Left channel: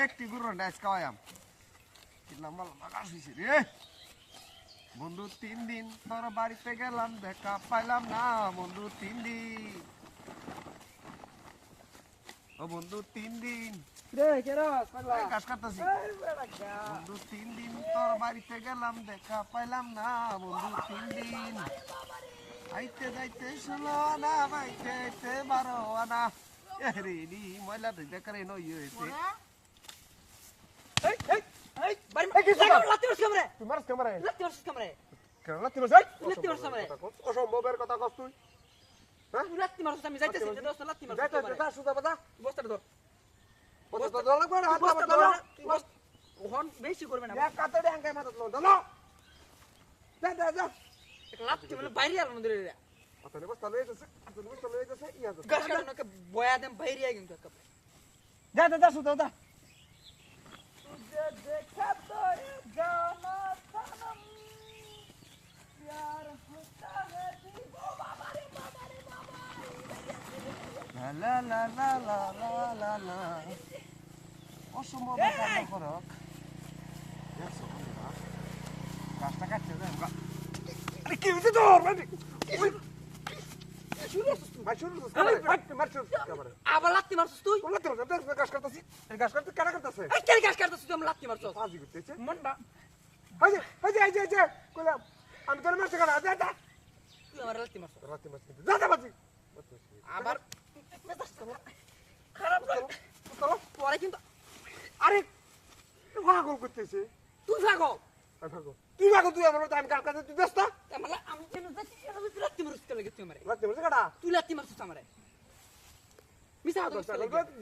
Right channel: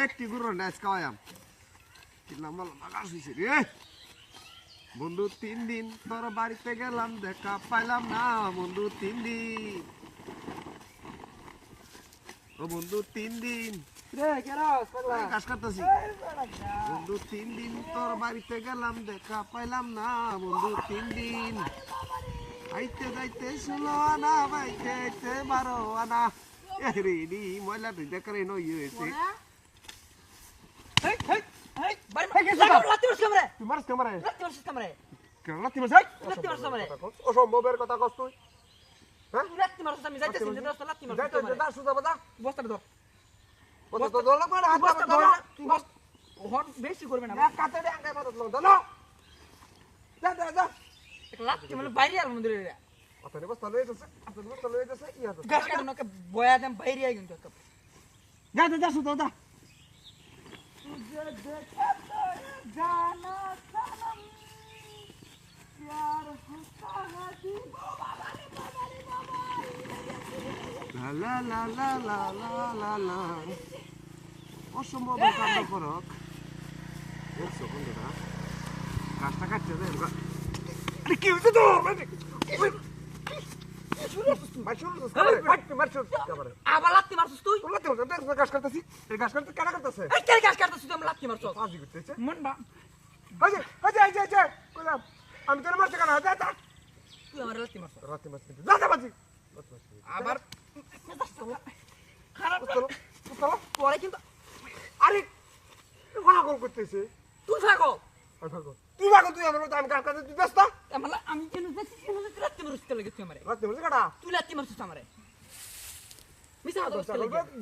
একটি গুরু নাচ খাওয়াম রে বন্ধু 3 দিন তোর বাড়িতে গেলাম দেখা পাইলাম না বন্ধু 3 দিন ও বন্ধু 3 দিন রে কেরাস পাগলা কাজ করতেছি বন্ধু 3 দিন তোর বাড়িতে গেলাম দেখা পাইলাম না বন্ধু 3 দিন আইতে যাইতে 16 আনা বাইতে আইতে 12 আনা রেডি ময়লা দেখারে নই হয়েছে এই ভাই কি সব লাতি বসে আমারে তুই মারছ ক্যামেরা লাতি বসে আমারে কেন লাতি মারছ লাতি বসে আমারে অসম্ভবের কথা কস তুই হ্যাঁ লাতি মারছ আমি যাইতেছি দোস্ত লাতি মারছ যাইতে যা সুদা বাদা বস্তা ধর বস্তা ধর লাগবে না হাত বস্তা ধর ধর ওহন বেশি করবে না এক কাতড়ে আঙ্গাই মাথা ধর ধর যা এক লাতি মানে বাইরে আর মন্দিরে আতনে বস্তা লয়ে যাচ্ছে ইয়া তো গাছ কাটু না বয়া দেন বাইরে আই কিন্তু যা সুদা যা तुझे देखा तो जाना सनम प्यार होता है লা লা লা লা লা লা লা অসম্ভব কাণ্ড করক দেখছো বন্ধুরা কাজটা কাটছে দেন আরে কি হইছে তোর আবার লাত্তি মারছিস তুই গাছ কাটতেছি গাছ কাটতে কেন কাটতেছে এই কে গাছ কাটছিস তুই আমি লাত্তি মারছস আজি করতেছে মন বা কইলাম আমি তোর মারতে কেন যা তুই আমার লাত্তি মারছস রাতে মারতে যা বাজি আবার খারাপ চলো পরে কিন্তু আরে পাগল করতেছে তুই থাকো তুই পাগল তুই আমার আমি গাছ কাটতে তুই ব্যস্ত আমি কেন যাচ্ছি লাত্তি মারছিস কে লাগছিস আমারে রাতে মারতে কাটা তুই লাত্তি মারছিস আমারে মিছা কথা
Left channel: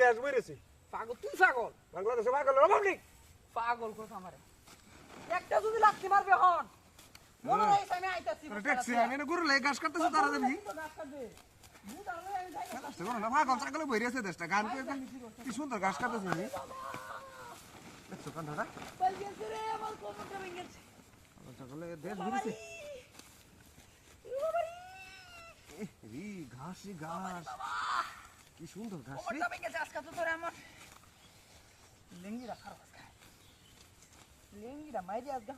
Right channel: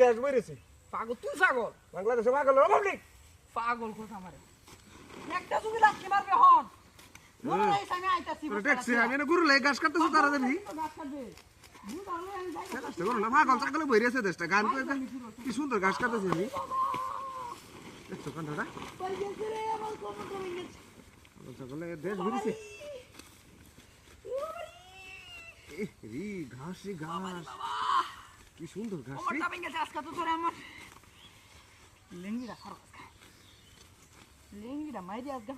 দেশ বইরেছি পাগল তুই পাগল বাংলাদেশে পাগল রিপাবলিক পাগল কথা আমারে একটা যদি লাত্তি মারবে হন মনে নাই আমি আইতাছি দেখছি আমি না গুরু লাই গাছ কাটতেছ তারা দেবি গাছ কাটবে মুই তাহলে আমি যাই কাজটা করো না পাগল ছাগল বইরেছে দেশটা গান করে কি সুন্দর গাছ কাটতেছি আমি দেখছো কান্ডটা পাইছে রে আমার কমটা মিনিট পাগল ছাগলে দেশ ঘুরেছে রি ঘাস কি সুন্দর ঘাস কমটা মিনিট আজকে তো তোরে আমার লেঙ্গিরা খারাপ আজকে লেঙ্গিরা মাইরি আজকে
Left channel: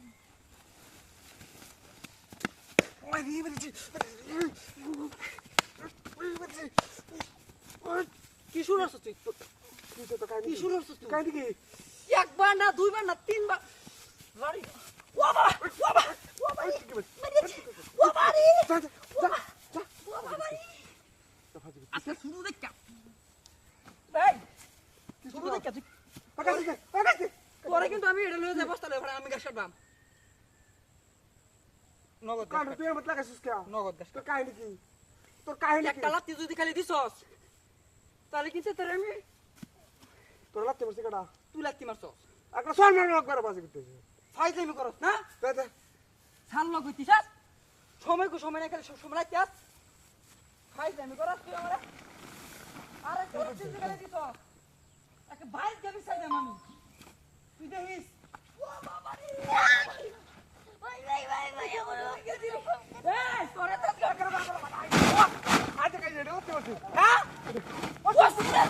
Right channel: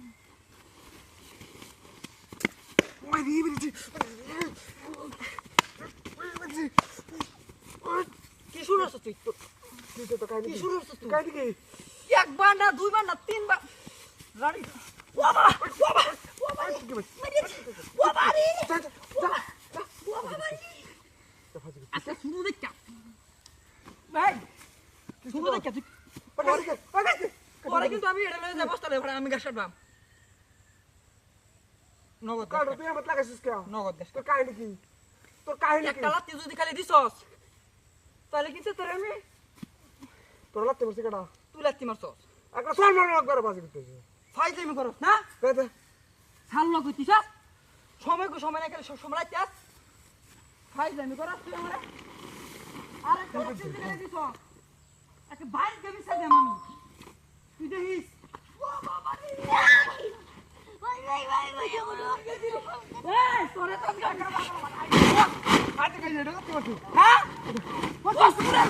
ওই রি বেরিয়েছে কি শুরু হচ্ছে তুই কি শুরু হচ্ছে তুই কাটি কি একবার না দুইবার না তিনবার রাড়ি বাবা বাবা বাবা বাবারি আচ্ছা শুরু দেখা ভাই শুরু দেখা তুই পরে কিন্তু আমি এটা লয়ে যাব বস্তারে ভরা আমি গাছ কাটবাম নগদ কাটো তুই আমার লাগাইছিস কে নগদ গাছ তোর কাহিনী কি তোর কাহিনী একটা লাত্তি যদি খালি দিছস তাহলে কিছু তোর আমি তোর লাত্তি মারছিস কাটা তুই লাত্তি মারছস একটা সম্মান একবার বাজি করতেছিস ফাইজলামি করস না দে ছাড়লো কইতিস সময় না গেলে সব সময় লাইতে আস ফাইজলামি করস তুই আমারে আরে লাত্তি যদি খালি দিছস একে ভাই দেবি সাদেম আমি তুই দেখিস ও বাবা রে ভাই এই তোরে তো ডাক্তার বাবা আজ কাই নেড়ো তুই হ্যাঁ ও সুরে